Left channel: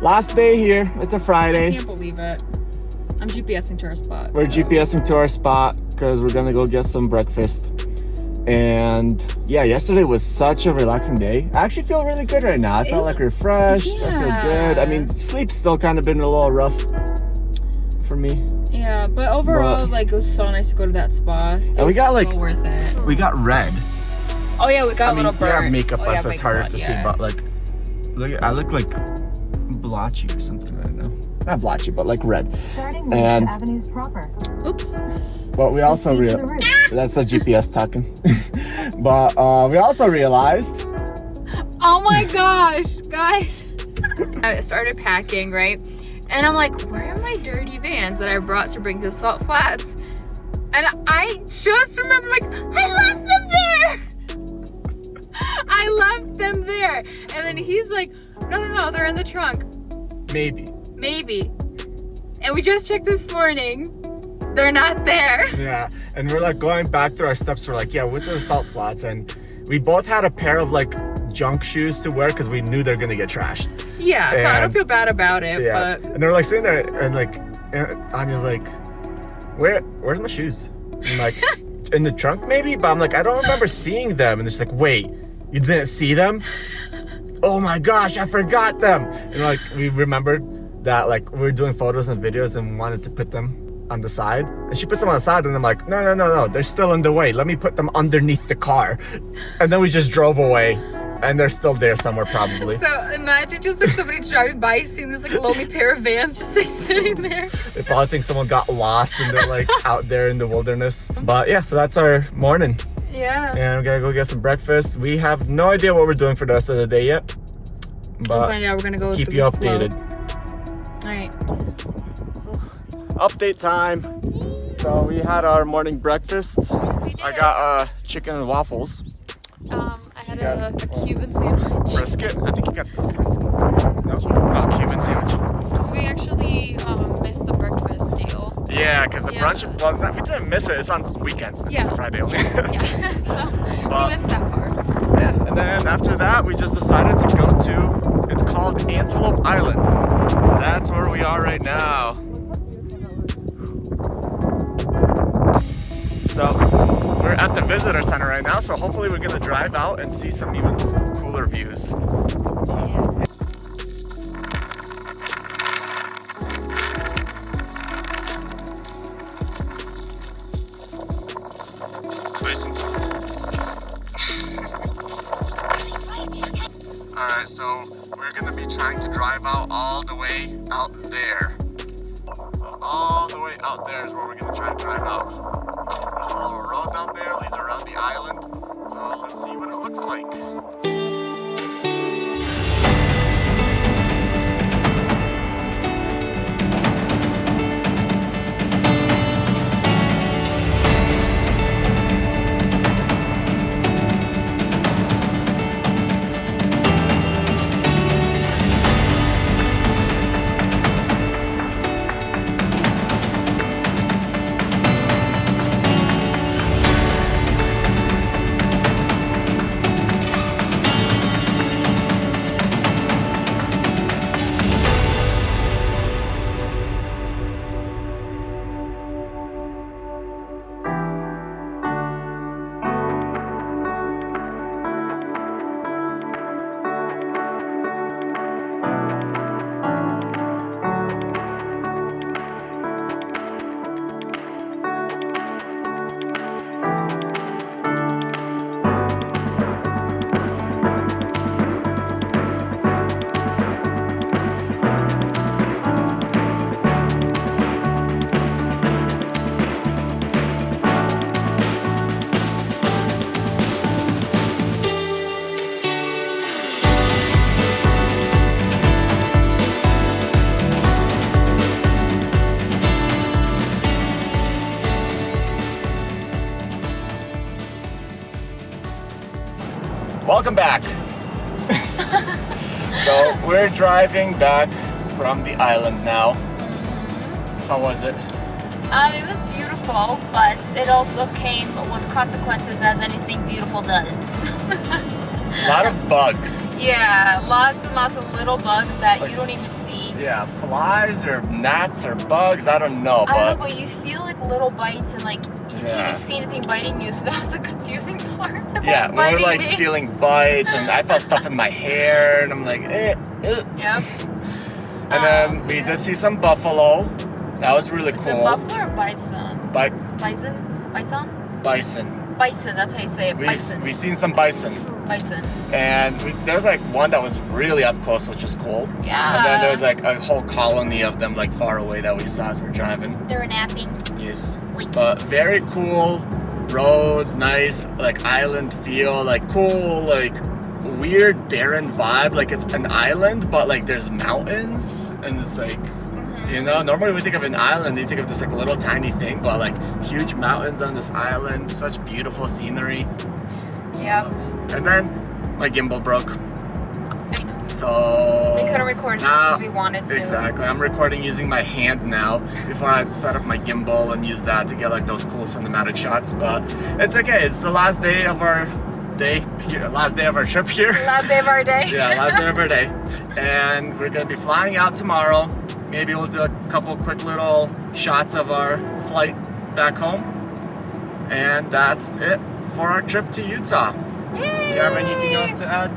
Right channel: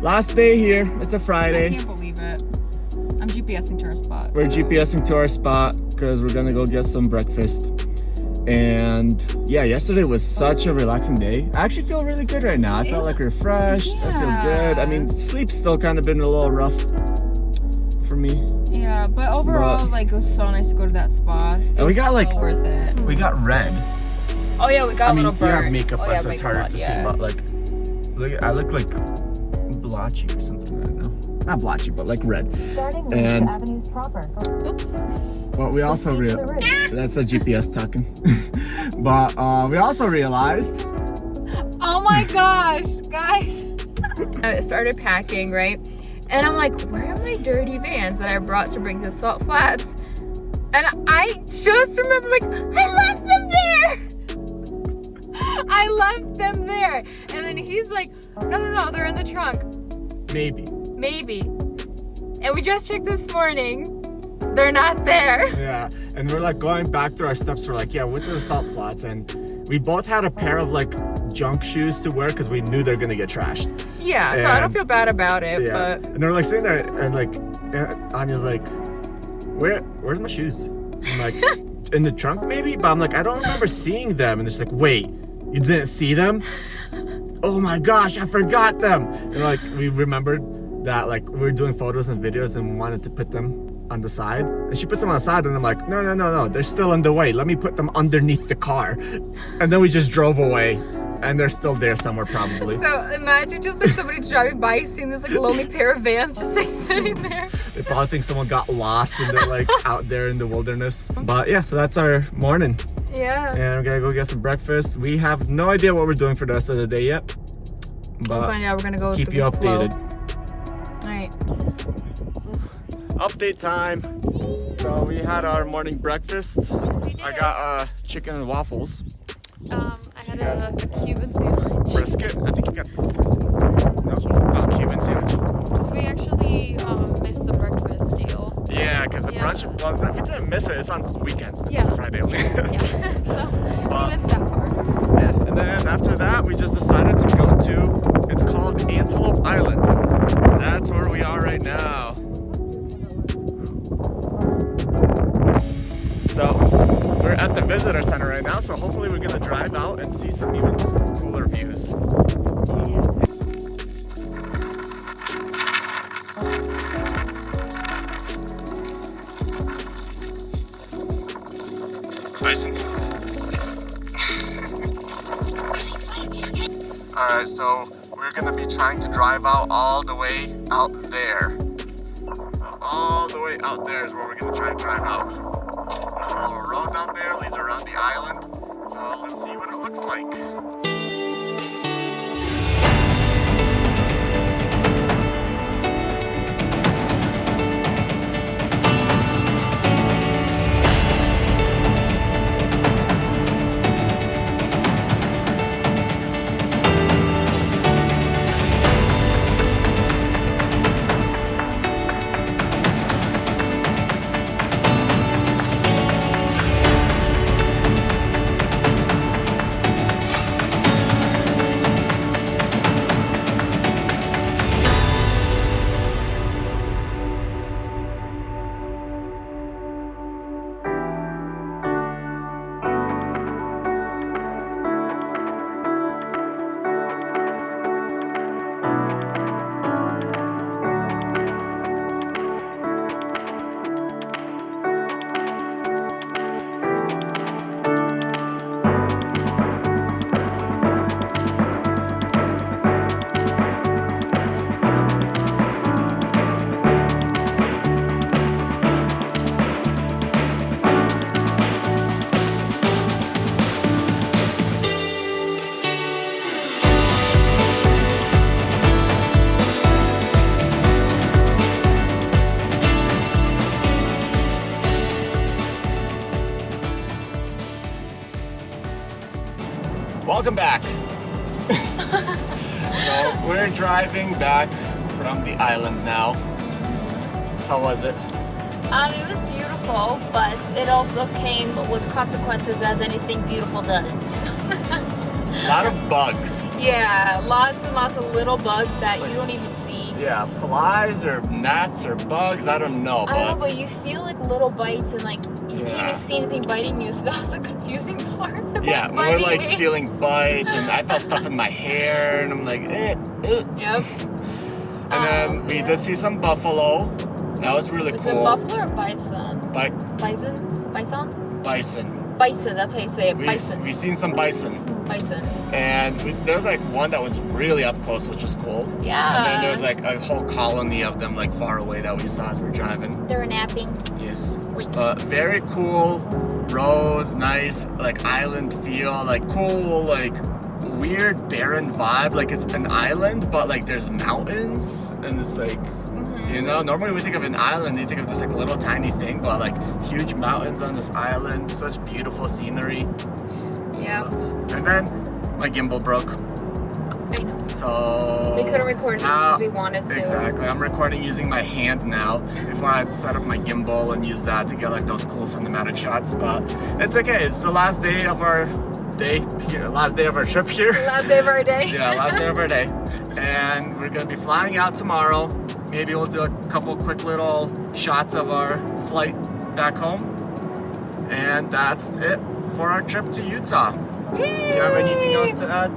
last day here. It's a I Friday. can't believe it. I'm GPSing to our spot. We're GPSing to our spot because we're gonna go get some breakfast. And yeah, yesterday was such a relaxing day. I actually feel really good right now. I felt like refreshed. I feel good. I mean, sleep's still kind of been a little rough for me. Yeah, but overall, like, it was so nice to go to that spot. And we got like, worth it. we got red. Oh yeah, we got a little burnt. Yeah, makeup on, yeah, so it's makeup harder on, to see. But like, look, I look like blotchy or something. I don't know. Not blotchy, but like red. Starting And Avenues proper. Oops. but we also that's a GPS talking. But we also realized. Oh my gosh, guys. I started packing, right? And I'm like, where are my dirty Vans that I brought to bring to Salt Flats? And I just remember, like, I left them there. I left them there. And then he's like, no, they're in the trunk. Maybe. And we just checked this morning. They're not there. Yeah, and we're like going back through our steps. We're like, yeah, we went to the Salt Flats, and we both had a pair of like junk shoes to wear because we knew they're gonna get trashed. Yeah, so I don't feel bad about it, Yeah, but and they're like sitting there, and like Anya's like, where's my shoes? I'm like, in the trunk maybe, but I'm like, I don't remember seeing them. And it's like, wait, you didn't see them? Oh my gosh, I forgot them. And like, we remembered that like we were doing photos and videos and wanted to put them on the side, and she puts them on the side, and I'm like, no, they're still in the way. Let me put them underneath the car. And then we just drove away, and they're still there somewhere probably. so imagine just like somebody driving by, seeing this like lonely pair of Vans just like sitting there. They probably think someone got lost and they're like out there in the wilderness. But yeah, so that's our morning. Yeah. And we're gonna go get some breakfast. We have no idea what we're doing for the rest of the day yet, We'll but find out. We're gonna go with keep the you flow. updated. All right. Update time. So we had our morning breakfast. I got chicken and waffles. I had a Cuban sandwich. Brisket. I think you got the brisket. No, Cuban sandwich. So we actually missed the breakfast deal. Yeah, because the Yeah. brunch. Well, we didn't miss it. It's on weekends. It's a Friday only. Yeah. So But- we missed that part. Yeah, and then after that, we just decided to go to, it's called Antelope Island. That's where we are right now. So, we're at the visitor center right now, so hopefully we're gonna drive out and see some even cooler views. Bison. Alright, so we're gonna be trying to drive out all the way out there. All the way out there is where we're gonna try and drive out. There's a little road down there, leads around the island. So let's see what it looks like. Welcome back. So we're driving back from the island now. How was it? It was beautiful, but it also came with consequences, as anything beautiful does. lot of bugs. Yeah, lots and lots of little bugs that you don't even see. Yeah, flies or gnats or bugs, I don't know, I don't know, but but you feel like little bites and like you Yeah. can't even see anything biting you. So that was the confusing part. So yeah, it's we were biting like me. feeling bites, and I felt stuff in my hair, and I'm like, eh. Yep. And then we yeah. did see some buffalo. That was really Is cool. it buffalo or bison? Bison. Bison. Bison. That's how you say it. Bison. We've seen some bison. Bison. And there was like one that was really up close, which was cool. Yeah. And then there was like a whole colony of them like far away that we saw as we're driving. They were napping. Yes. But very cool roads, nice like island feel, like cool, like weird barren vibe. Like it's an island, but like there's mountains, and it's like, you know, normally we think of an island, you think of this like little tiny thing, but like huge mountains on this island, such beautiful scenery. Yep. And then my gimbal broke. I know. So We couldn't record as much as we wanted to. Exactly. I'm recording using my hand now before I set up my gimbal and use that to get like those cool cinematic shots. But it's okay. It's the last day of our day here, last day of our trip here. Last day of our day. Yeah, last day of our day. And we're gonna be flying out tomorrow. Maybe we'll do a couple quick little shots of our flight back home. And that's it for our trip to Utah. Do you have anything else to add?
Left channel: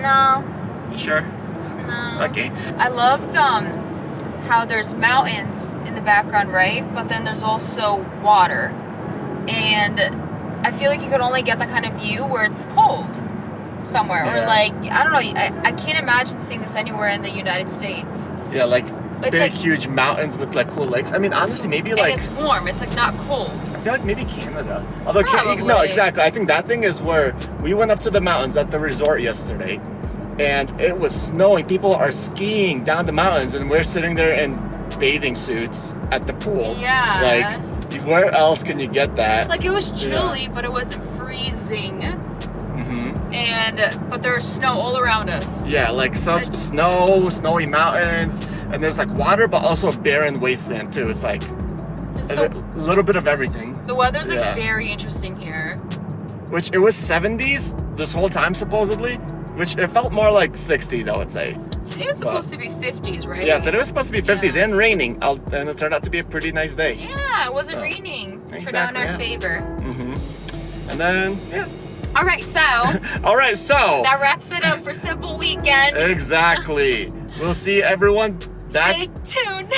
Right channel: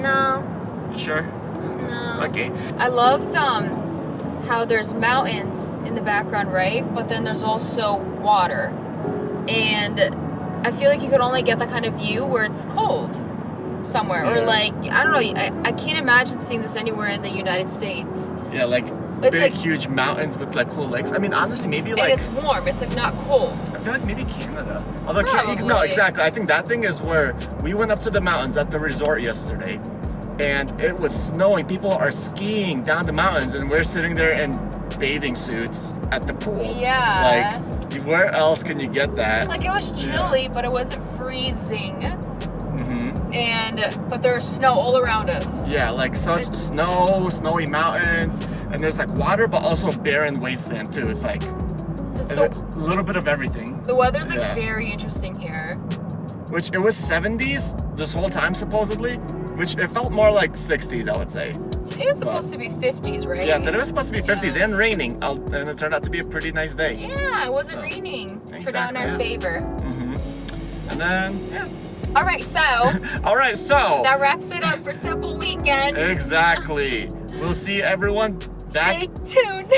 No. You sure? No. Okay. I loved how there's mountains in the background, right? But then there's also water. And I feel like you could only get that kind of view where it's cold somewhere. Or Yeah. like, I don't know, I can't imagine seeing this anywhere in the United States. Yeah, like It's big, like- huge mountains with like cool lakes. I mean, honestly, maybe And like it's warm, it's like not cold. I feel like maybe Canada. Although no, Probably. exactly. I think that thing is where we went up to the mountains at the resort yesterday, and it was snowing. People are skiing down the mountains, and we're sitting there in bathing suits at the pool. Yeah. Like, where else can you get that? Like it was chilly, but it wasn't freezing. But there was snow all around us. Yeah, like such snow, snowy mountains, and there's like water, but also a barren wasteland too. It's like Just a little bit of everything. the weather's like Yeah. very interesting here. Which it was 70s this whole time supposedly, which it felt more like 60s, I would say. Today is supposed to be 50s, right? Yeah, today was supposed to be 50s Yeah. and raining, and it turned out to be a pretty nice day. Yeah, it wasn't So, raining. Turned out in exactly, our yeah. favor. And then, yeah. All right, so All right, so that wraps it up for Simple Weekend. exactly. We'll see everyone back. Stay tuned.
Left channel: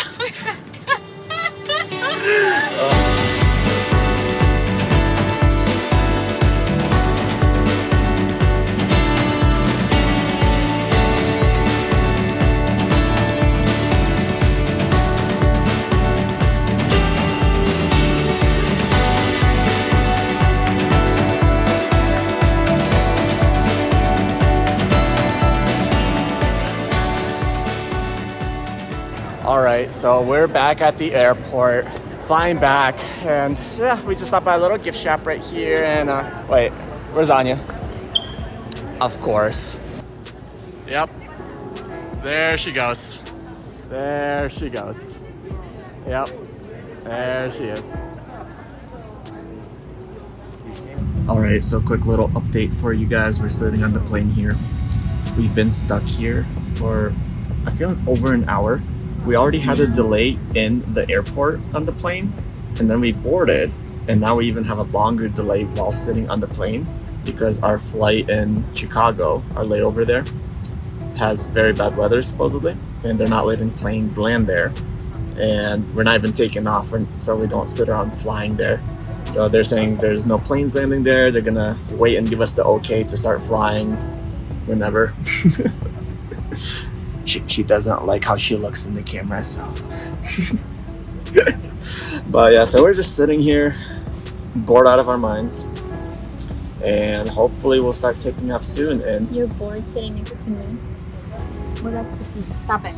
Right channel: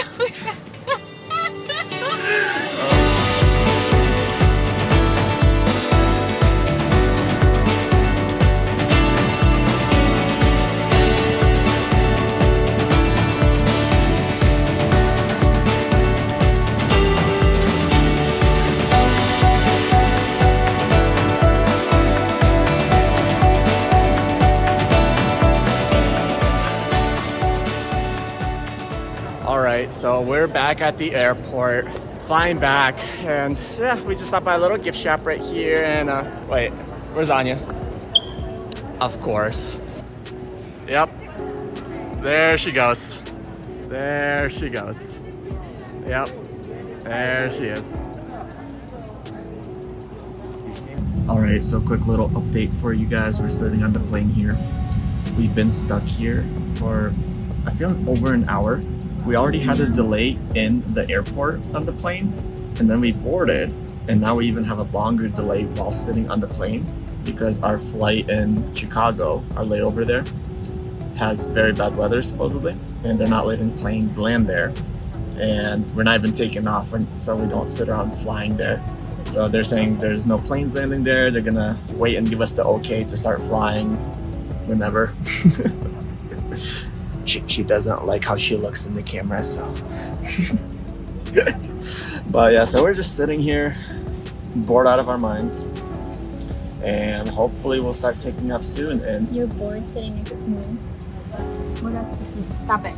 All right, so we're back at the airport, flying back, and yeah, we just stopped by a little gift shop right here. And wait, where's Anya? Of course. Yep. There she goes. There she goes. Yep. There she is. All right, so quick little update for you guys. We're sitting on the plane here. We've been stuck here for, I feel like, over an hour. We already had a delay in the airport on the plane, and then we boarded, and now we even have a longer delay while sitting on the plane because our flight in Chicago, our layover there, has very bad weather supposedly, and they're not letting planes land there. And we're not even taking off, so we don't sit around flying there. So they're saying there's no planes landing there. They're gonna wait and give us the okay to start flying whenever. She doesn't like how she looks in the camera, so. But yeah, so we're just sitting here, bored out of our minds, and hopefully we'll start taking off soon. And You're bored sitting next to me. What else proceed? Stop it.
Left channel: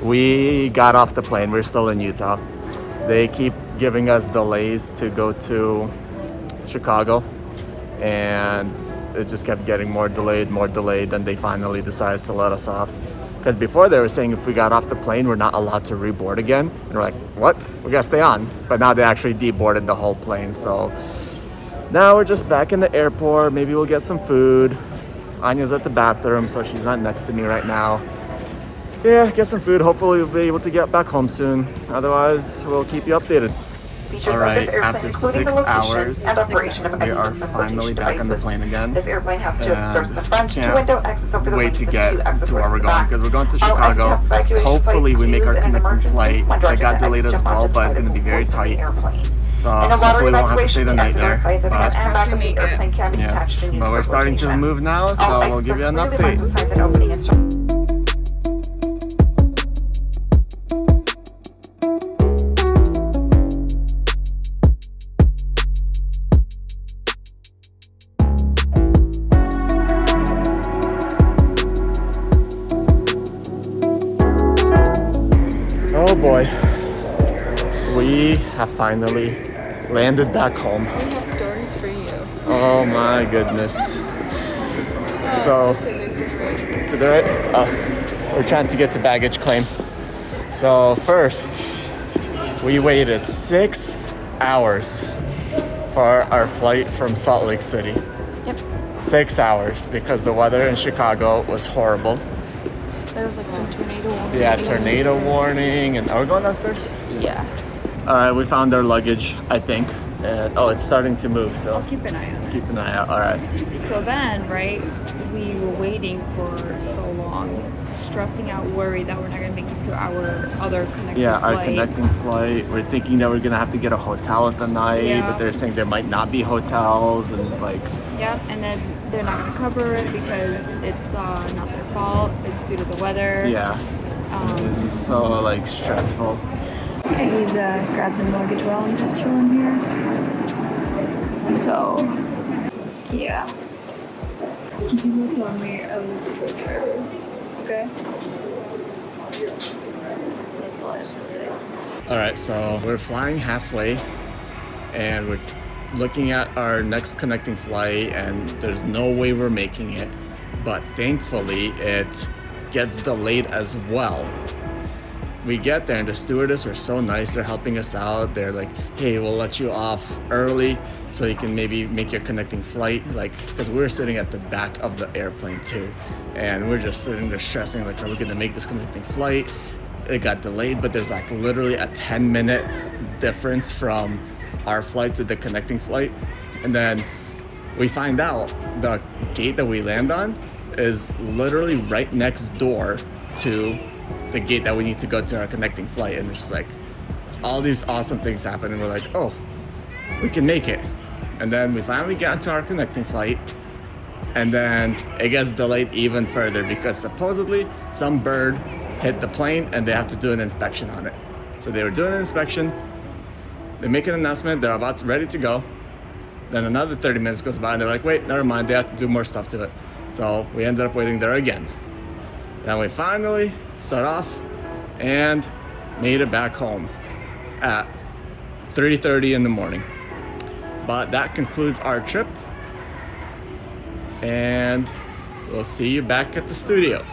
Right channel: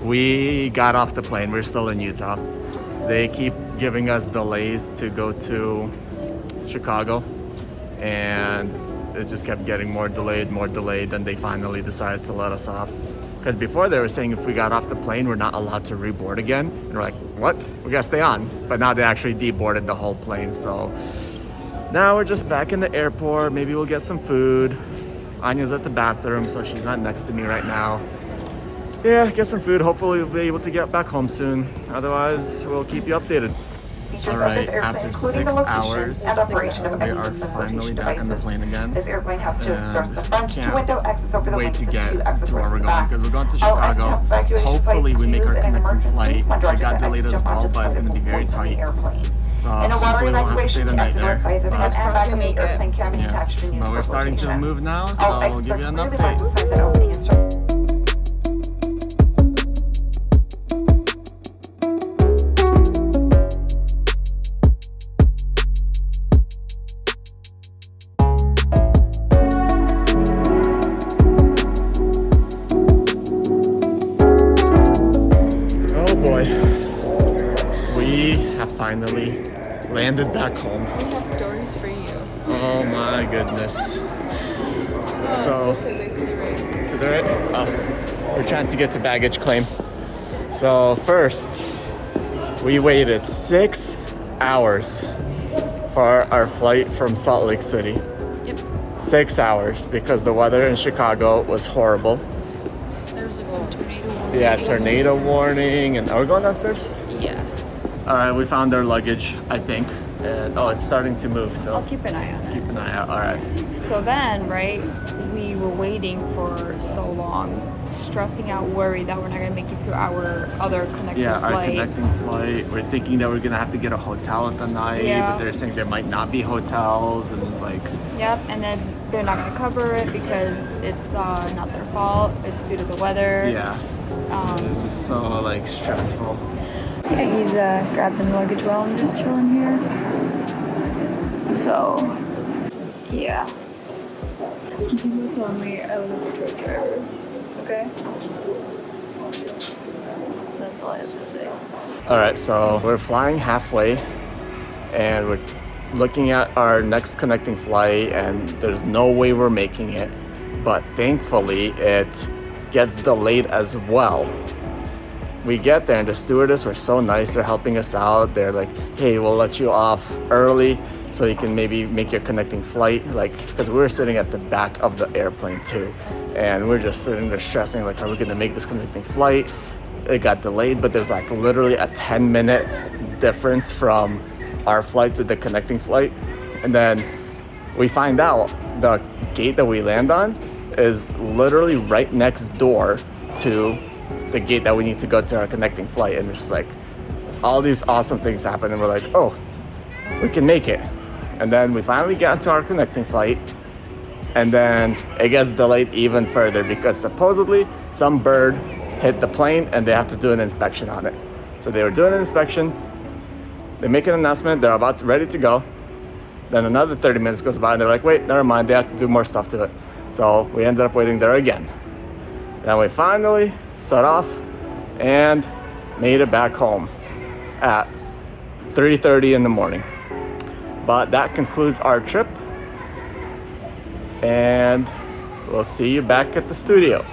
we got off the plane. We're still in Utah. They keep giving us delays to go to Chicago, and it just kept getting more delayed, and they finally decided to let us off. Because before they were saying if we got off the plane, we're not allowed to reboard again. And we're like, what? We gotta stay on. But now they actually deboarded the whole plane, so Now we're just back in the airport. Maybe we'll get some food. Anya's at the bathroom, so she's not next to me right now. Yeah, get some food. Hopefully we'll be able to get back home soon. Otherwise, we'll keep you updated. All right, after 6 hours, we are finally back on the plane again. And can't wait to get to where we're going, because we're going to Chicago. Hopefully we make our connecting flight. It got delayed as well, but it's going to be very tight. So hopefully we won't have to stay the night there. But yes, but we're starting to move now, so we'll give you an update. Oh boy, we have finally landed back home. We have stories for you. Oh my goodness. So, to the right? Oh, we're trying to get to baggage claim. So first, we waited 6 hours for our flight from Salt Lake City. Yep. 6 hours because the weather in Chicago was horrible. There was like some tornado warning. Yeah, tornado warning. And are we going downstairs? Yeah. All right, we found our luggage, I think. And oh, it's starting to move, so I'll keep an eye on it. keep an eye out. All right. So then, right, we were waiting for so long, stressing out, worried that we're not gonna make it to our other connecting Yeah, flight. our connecting flight. We're thinking that we're gonna have to get a hotel at the night, Yeah. but they're saying there might not be hotels, and it's like, Yep, and then they're not gonna cover it because it's not their fault. It's due to the weather. yeah, it's just so like stressful. Yeah, he's grabbing luggage while I'm just chilling here. So, yeah. You were telling me I was a truck driver. Okay? That's all I have to say. All right, so we're flying halfway, and we're looking at our next connecting flight, and there's no way we're making it. But thankfully, it gets delayed as well. We get there, and the stewardess were so nice. They're helping us out. They're like, hey, we'll let you off early so you can maybe make your connecting flight. Like, because we were sitting at the back of the airplane too. And we're just sitting there stressing, like, are we gonna make this connecting flight? It got delayed, but there's like literally a 10-minute difference from our flight to the connecting flight. And then we find out the gate that we land on is literally right next door to the gate that we need to go to our connecting flight. And it's like all these awesome things happen, and we're like, oh, we can make it. And then we finally get to our connecting flight, and then it gets delayed even further because supposedly some bird hit the plane and they have to do an inspection on it. So they were doing an inspection, they make an announcement, they're about to, ready to go. Then another 30 minutes goes by and they're like, wait, never mind, they have to do more stuff to it. So we ended up waiting there again. Then we finally set off and made it back home at 3:30 in the morning. But that concludes our trip, and we'll see you back at the studio.